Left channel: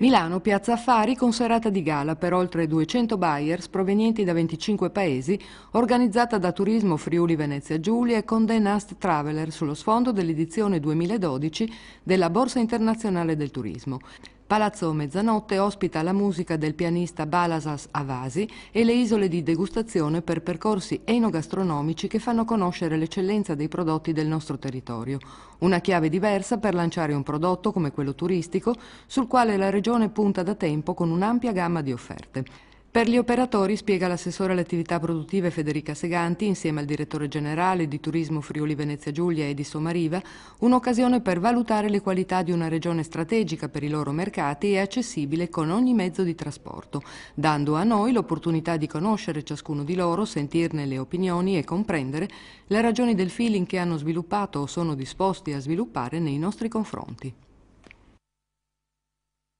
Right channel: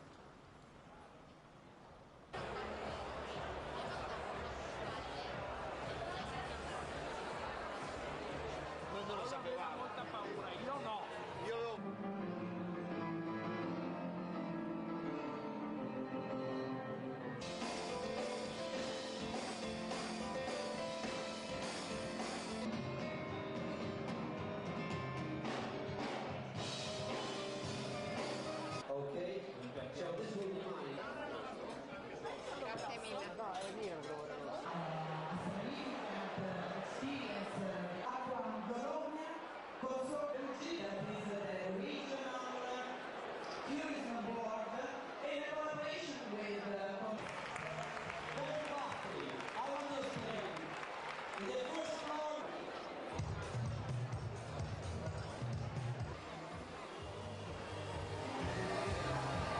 Milano, Piazza Affari con serata di gala per oltre 200 buyers provenienti da 25 paesi, organizzata da Turismo Friuli Venezia Giulia e Condé Nast Traveler sullo sfondo dell'edizione 2012 della Borsa Internazionale del Turismo. Palazzo Mezzanotte ospita la musica del pianista Balasas Avasi e le isole di degustazione per percorsi enogastronomici che fanno conoscere l'eccellenza dei prodotti del nostro territorio. Una chiave diversa per lanciare un prodotto come quello turistico, sul quale la Regione punta da tempo con un'ampia gamma di offerte. Per gli operatori, spiega l'assessore alle attività produttive Federica Seganti, insieme al direttore generale di Turismo Friuli Venezia Giulia Edi Somariva, un'occasione per valutare le qualità di una regione strategica per i loro mercati e accessibile con ogni mezzo di trasporto, dando a noi l'opportunità di conoscere ciascuno di loro, sentirne le opinioni e comprendere le ragioni del feeling che hanno sviluppato o sono disposti a sviluppare nei nostri confronti.